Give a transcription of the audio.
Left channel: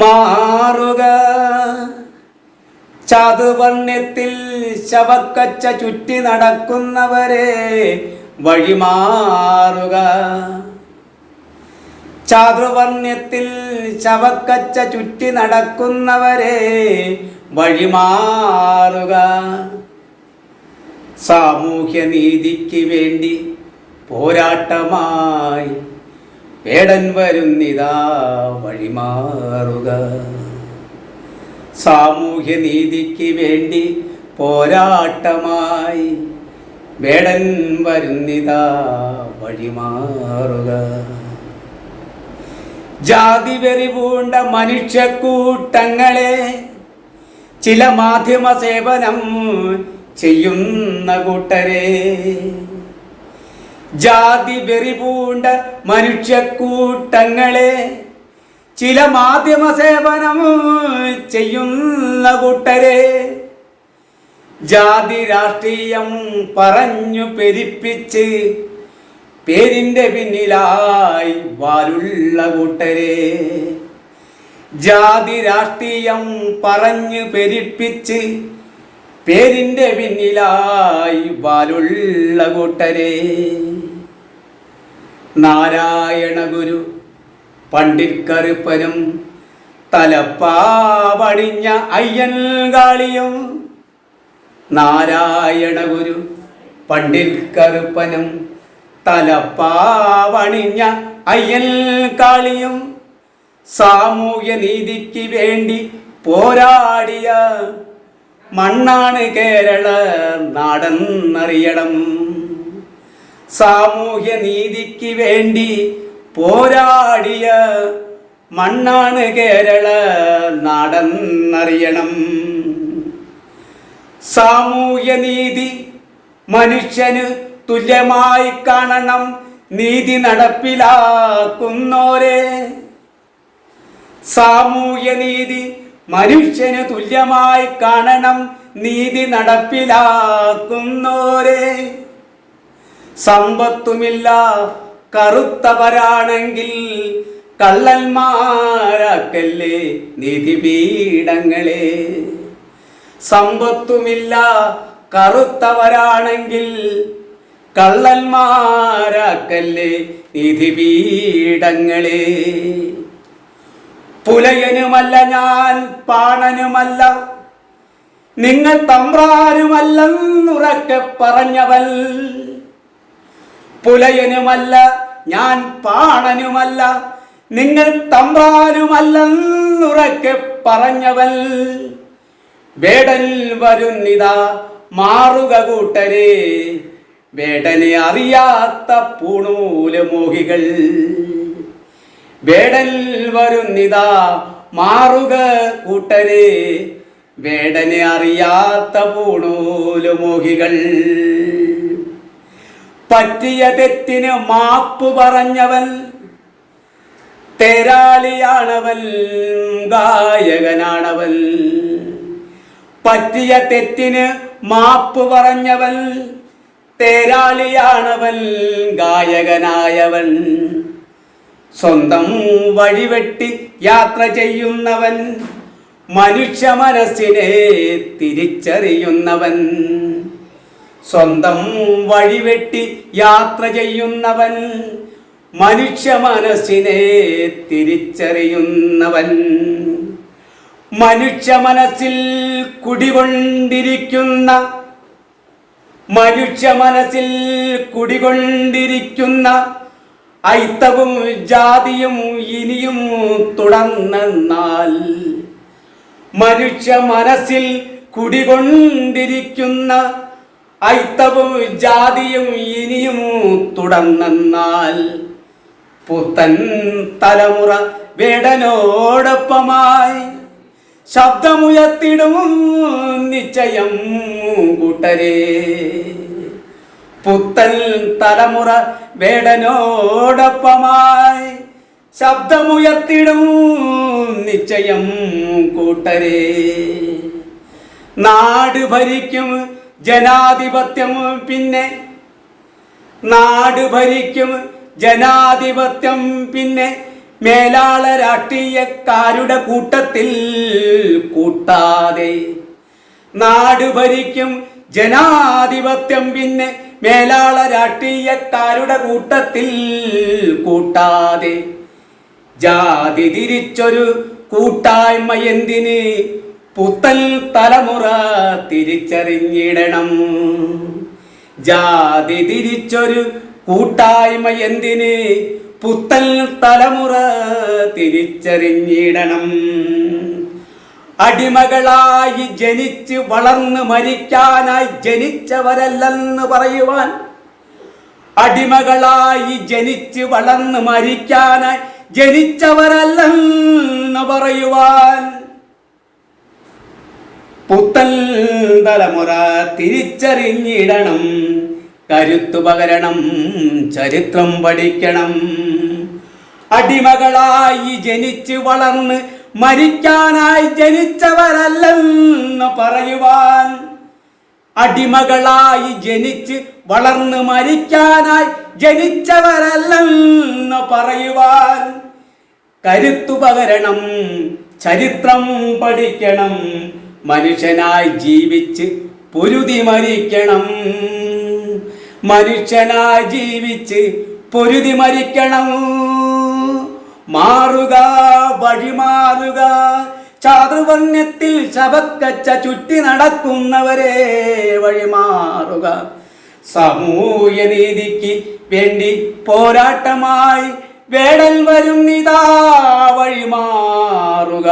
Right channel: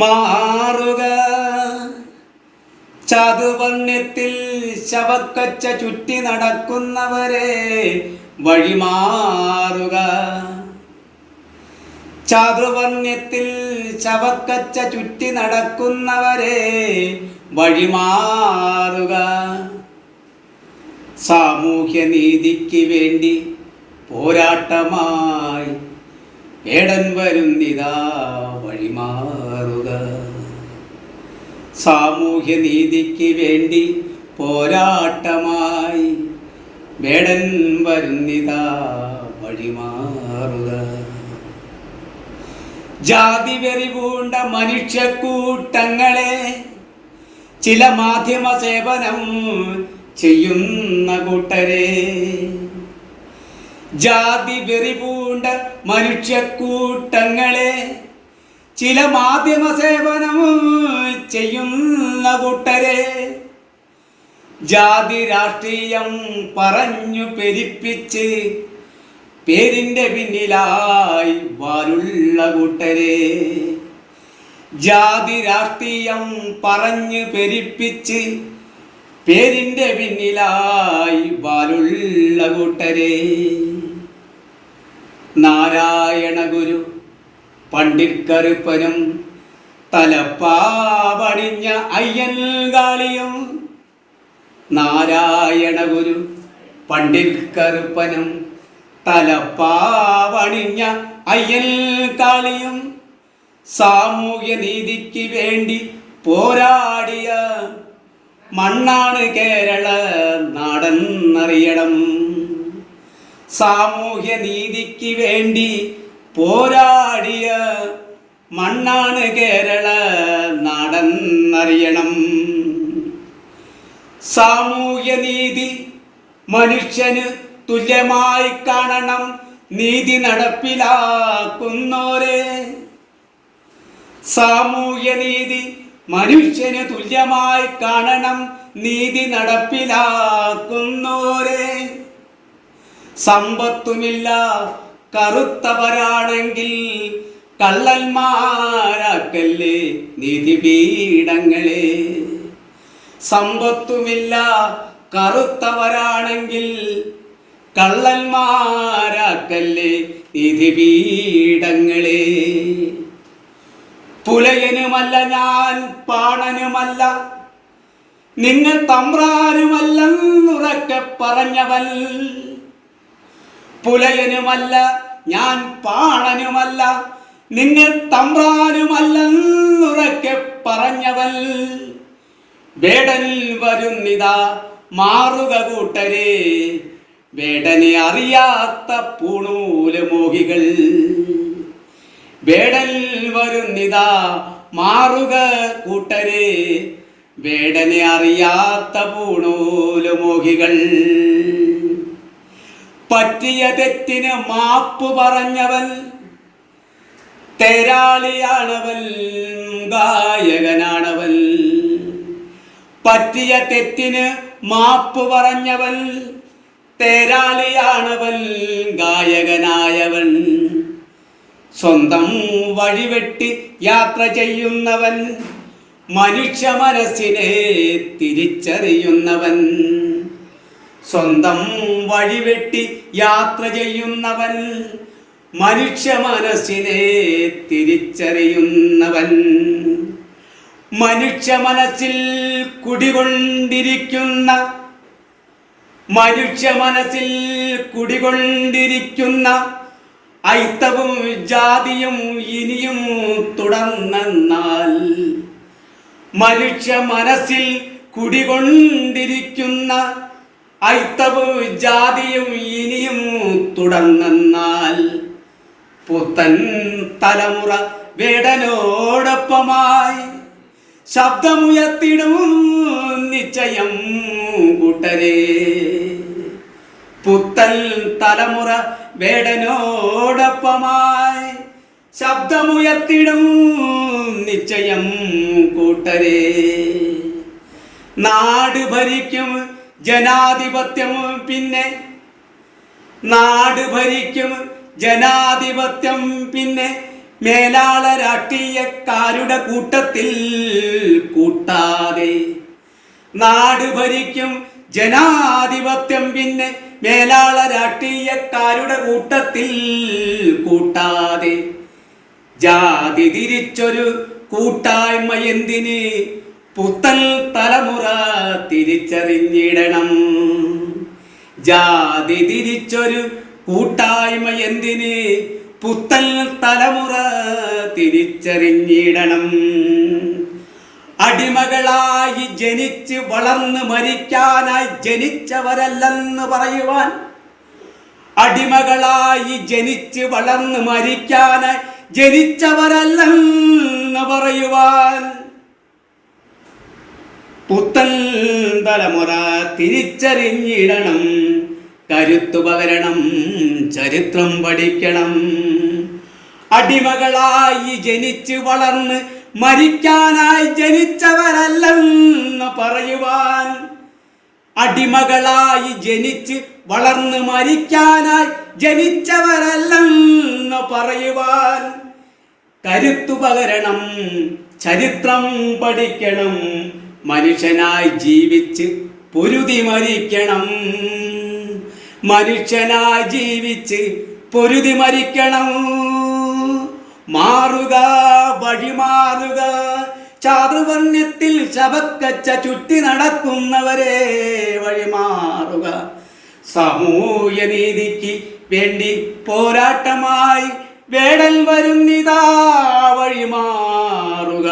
മാറുക. ചതുവർണ്യത്തിൽ ശവക്കച്ച ചുറ്റി നടക്കുന്നവരെ വഴിമാറുക. ചാതുർവർണ്യത്തിൽ ശവക്കച്ച ചുറ്റി നടക്കുന്നവരെ വഴിമാറുക. സാമൂഹ്യനീതിക്ക് വേണ്ടി പോരാട്ടമായി വേടൻ വരുന്നിതാ വഴിമാറുക. സാമൂഹ്യനീതിക്ക് വേണ്ടി പോരാട്ടമായി വേടൻ വരുന്നിതാ വഴിമാറുക. ജാതി വെറിവൂണ്ട മനുഷ്യക്കൂട്ടങ്ങളെ ചില മാധ്യമ സേവനം ചെയ്യുന്ന കൂട്ടരെ ജാതി വെറി പൂണ്ട മനുഷ്യക്കൂട്ടങ്ങളെ ചില മാധ്യമ സേവനം ചെയ്യുന്ന കൂട്ടരെ ജാതി രാഷ്ട്രീയം പറഞ്ഞു പെരിപ്പിച്ച് പേരിന്റെ പിന്നിലായി വാലുള്ള കൂട്ടരെ ജാതി രാഷ്ട്രീയം പറഞ്ഞു പെരിപ്പിച്ച് പേരിന്റെ പിന്നിലായി വാലുള്ള കൂട്ടരെ. നാരായണ ഗുരു പണ്ഡിtkറുപ്പനും തലപ്പാവടിഞ്ഞ അയ്യൻ കാളിയും നാരായണ ഗുരു പണ്ഡിtkറുപ്പനും തലപ്പാവണിഞ്ഞ അയ്യൻ കാളിയും സാമൂഹ്യ നീതിക്ക് വേണ്ടി പോരാടിയ മണ്ണാണ് കേരള നാടെന്നറിയണം. സാമൂഹ്യ നീതിക്ക് വേണ്ടി പോരാടിയ മണ്ണാണ് കേരള നാടെന്നറിയണം. സാമൂഹ്യ നീതി മനുഷ്യന് തുല്യമായി കാണണം. നീതി നടപ്പിലാക്കുന്നോരെ. സാമൂഹ്യ നീതി മനുഷ്യന് തുല്യമായി കാണണം നീതി നടപ്പിലാക്കുന്നോരെ സമ്പത്തുമില്ല കറുത്തവരാണെങ്കിൽ കള്ളന്മാരാക്കല്ലേ നിധിപീഠങ്ങളെ. സമ്പത്തുമില്ല കറുത്തവരാണെങ്കിൽ കള്ളന്മാരാക്കല്ലേ നീതിപീഠങ്ങളെ പുലയനുമല്ല ഞാൻ പാണനുമല്ല. നിങ്ങൾ തമ്പ്രാനുമല്ലെന്നുറക്കെ പറഞ്ഞവൻ പുലയനുമല്ല ഞാൻ പാണനുമല്ല. നിങ്ങൾ തമ്പ്രാനുമല്ലെന്നുറക്കെ പറഞ്ഞവൻ വേടൻ വരുന്നിതാ മാറുക കൂട്ടരെ. വേടനെ അറിയാത്ത പൂണൂൽ മോഹികൾ. വേടൻ വരുന്നിതാ മാറുക കൂട്ടരെ. വേടനെ അറിയാത്ത പൂണൂലു മോഹികൾ. പറ്റിയ തെറ്റിന് മാപ്പ് പറഞ്ഞവൻ തേരാളിയാണവൻ ഗായകനാണവൻ. പറ്റിയ തെറ്റിന് മാപ്പ് പറഞ്ഞവൻ തേരാളിയാണവൻ ഗായകനായവൻ. സ്വന്തം വഴിവെട്ടി യാത്ര ചെയ്യുന്നവൻ മനുഷ്യ മനസ്സിനെ തിരിച്ചറിയുന്നവൻ. സ്വന്തം വഴിവെട്ടി യാത്ര ചെയ്യുന്നവൻ മനുഷ്യ മനസ്സിനെ തിരിച്ചറിയുന്നവൻ. മനുഷ്യ മനസ്സിൽ കുടികൊണ്ടിരിക്കുന്ന മനുഷ്യ മനസ്സിൽ കുടികൊണ്ടിരിക്കുന്ന ഐത്തവും ജാതിയും ഇനിയും തുടർന്നെന്നാൽ മനുഷ്യ മനസ്സിൽ കുടികൊണ്ടിരിക്കുന്ന ഐത്തവും ജാതിയും ഇനിയും തുടർന്നെന്നാൽ പുത്തൻ തലമുറ വേടനോടൊപ്പമായി ശബ്ദമുയർത്തിടും നിശ്ചയം കൂട്ടരേ. പുത്തൻ തലമുറ വേടനോടൊപ്പമായി ശബ്ദമുയർത്തിടും നിശ്ചയം കൂട്ടരെ. നാട് ഭരിക്കും ജനാധിപത്യം പിന്നെ നാട് ഭരിക്കും ജനാധിപത്യം പിന്നെ മേലാള രാഷ്ട്രീയക്കാരുടെ കൂട്ടത്തിൽ കൂട്ടാതെ. നാട് ഭരിക്കും ജനാധിപത്യം പിന്നെ മേലാള രാഷ്ട്രീയക്കാരുടെ കൂട്ടത്തിൽ കൂട്ടാതെ. ജാതി തിരിച്ചൊരു കൂട്ടായ്മ എന്തിന്? പുത്തൽ തലമുറ തിരിച്ചറിഞ്ഞിടണം. ജാതി തിരിച്ചൊരു കൂട്ടായ്മ എന്തിന്? പുത്തൽ തലമുറ തിരിച്ചറിഞ്ഞിടണം. അടിമകളായി ജനിച്ച് വളർന്ന് മരിക്കാനായി ജനിച്ചവരല്ലെന്ന് പറയുവാൻ. അടിമകളായി ജനിച്ച് വളർന്ന് മരിക്കാനായി ജനിച്ചവരല്ലെന്ന് പറയുവാൻ. പുത്തൻ തലമുറ തിരിച്ചറിഞ്ഞിടണം. കരുത്തു പകരണം ചരിത്രം പഠിക്കണം. അടിമകളായി ജനിച്ച് വളർന്ന് മരിക്കാനായി ജനിച്ചവരല്ലെന്ന് പറയുവാൻ അടിമകളായി ജനിച്ച് വളർന്ന് മരിക്കാനായി ജനിച്ചവരല്ലെന്ന് പറയുവാൻ കരുത്തു പകരണം ചരിത്രം പഠിക്കണം മനുഷ്യനായി ജീവിച്ച് പൊരുതി മരിക്കണം. മനുഷ്യനായി ജീവിച്ച് പൊരുതി മരിക്കണം. മാറുക വഴിമാറുക ചാതുർവർണത്തിൽ ശബക്കച്ച ചുറ്റി നടക്കുന്നവരെ വഴിമാറുക സാമൂഹ്യ നീതിക്ക് വേണ്ടി പോരാട്ടമായി വേടൽ വരും വരുന്നിതാ വഴിമാറുക